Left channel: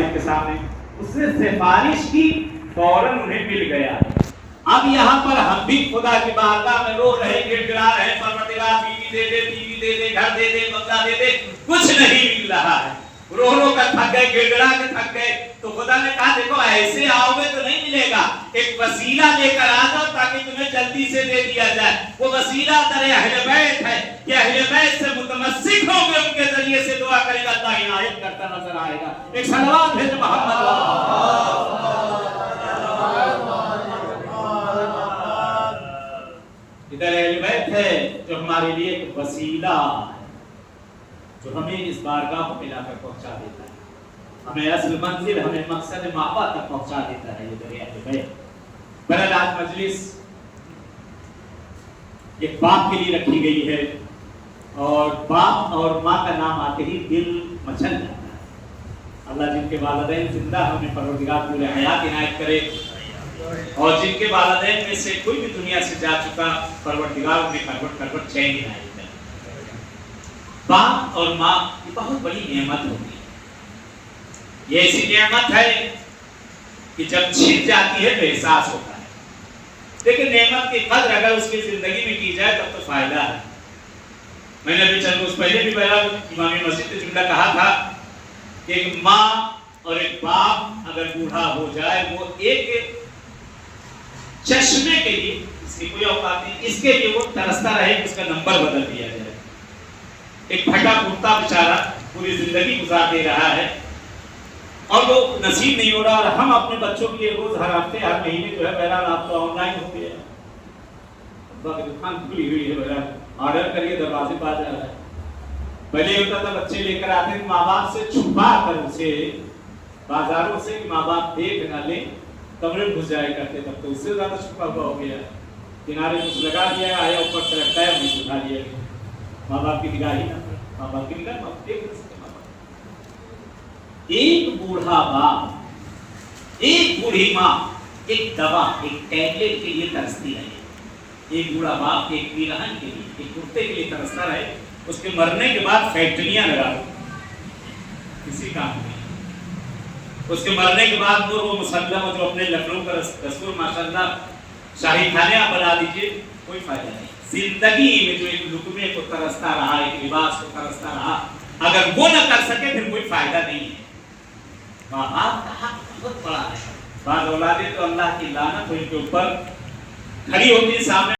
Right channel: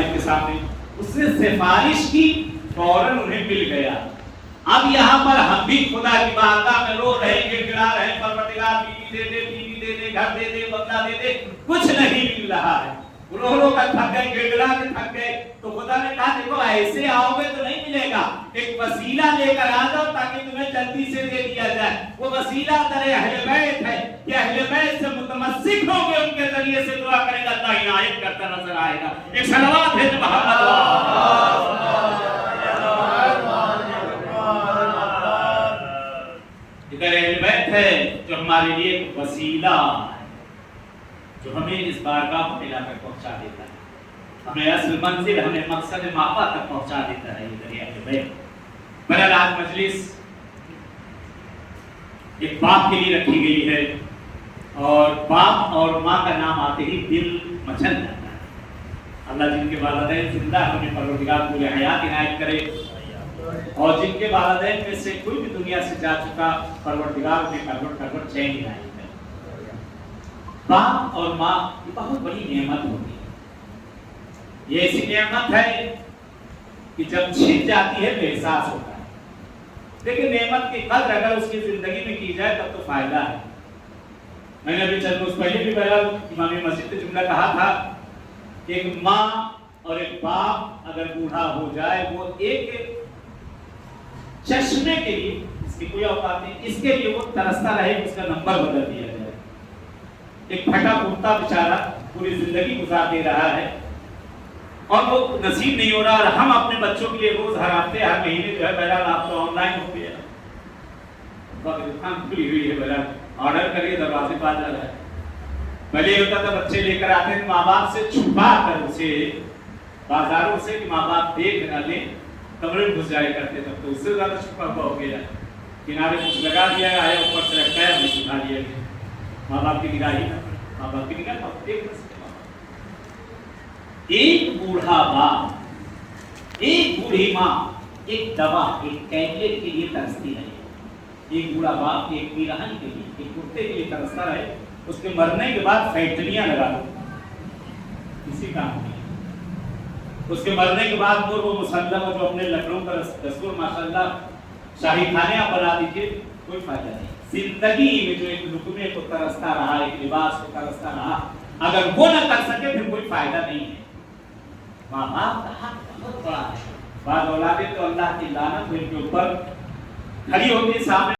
والد کے سامنے، اس نے سفارش کی، فوراً انہیں مل گیا۔ اب یہاں پر ہم بھی خدا کی بارگاہ میں رو رہے، گڑ گڑا رہے، پروردگار بیوی دے دے، بیوی دے دے، گھر دے دے، بنگلہ دے دے، کچھ نہیں مل رہا ہے، رو رو کر تھک گئے، گڑ گڑا کے تھک گئے۔ تو خدا نے کہا دیکھو ایسے آؤ گے تو نہیں ملے گا، ایک وسیلہ لے کر آ جاؤ تاکہ تمہیں جلدی سے دے دیا جائے۔ وہ وسیلہ در اہل بیت ہے، یہ اہل بیت سے متمسک ہو گئے، ان کے ذریعے سے دعا کرے گا، اللہ عنایت کرتا نظر آئے گا۔ ایک صلوات ہے محمد ادھر اہل بیت ہے جو ہمارے لیے ایک وسیلہ ہے، جو ہمیں اس بارگاہ کو ملا کر پہنچا دیتا ہے، ہمیں اصل منزل، ہمیں مقصد مآبا تک پہنچا دیتا ہے۔ ادھر اہل بیت بہرحال آج مجلس ایک باپ کے لیے رکھی گئی ہے، اور باپ اور ماں کا نام آتے ہی دل مچل جاتا ہے۔ اللہ جن کے والدین زندہ ہیں انہیں پروردگار پورے حیات عنایت کرے، اور جن کے والدین میں سے کوئی بھی دنیا سے جا چکا، پروردگار انہیں کروٹ چین عنایت کرے۔ باپ اور ماں یہ بہت بڑی نعمت ہوتی ہے، یہ ایسی نعمت ہے کہ جب چھن جاتی ہے تو احساس ہوتا ہے، لیکن نعمت کی قدر اگر اس کی زندگی میں کی جائے تب تو فائدہ ہے۔ میں نے ابھی چند روز پہلے بھی امام مسجد نے جملہ کہا تھا کہ ایک ماں اور ایک باپ اگر بوڑھا ہو جائے، وہ ایک چشمے کے لیے، اس کی کوئی اوقات نہیں، اس کے لیے وہ ترستا رہے کہ اس کا نمبر بدل دیا جائے۔ ایک پھٹا پھوٹا بیچارہ پوری زندگی گزار دے رہا ہے اور وہ نصیب نہیں ہو رہا، اور ہم اپنے بچوں کے لیے روز، ہر ہفتے، ہر مہینے جو ہے بہرحال آپ تو آن لائن ہو گیا، دکان کھلی ہوئی ہے، بہرحال آرڈر کریے، دروازے پہ آ جا رہا ہے۔ پہلے ہوتا تھا بچے لے کر آتے ہیں ماں باپ سے چھپا کر، اسے بازاروں سے کہ ماں باپ دیکھ نہ لیں، کمرے میں گھس جایا کرتے، تب تو اس سے زیادہ چھپا ہوا ہو گیا، کنارے کچھ لگا دیا، آیا اوپر سے رکھا ہے، ہمیں سکھا دیا گیا، ماں باپ کی نگاہ ہی نہ پڑے، ماں باپ کی نگاہ دیکھ نہ سکتے۔ ایک بوڑھا باپ، ایک بوڑھی ماں ایک دوا، ایک ٹیبلٹ کے لیے ترستی رہے، ایک بوڑھا باپ ایک پیرہن کے لیے، ایک کرتے کے لیے ترستا رہے، اس کے مرنے کے بعد فیکٹریاں لگا دو، کسی کام نہیں، اس کے مرنے کے بعد وہ مسلم جو اپنے لکھنؤ کا دستور ماشاءاللہ شاہی کھانے آپ بنا دیجیے، کوئی فائدہ نہیں۔ زندگی میں جو ایک لقمے کو ترستا رہا، ایک لباس کو ترستا رہا، اگر وہ نہ کر سکے پھر کوئی فائدہ نہیں ہے۔ ماں باپ کا حق بہت بڑا ہے، بعض اولادیں تو اللہ کی لعنت ان کے اوپر کھڑی ہوتی ہے سامنے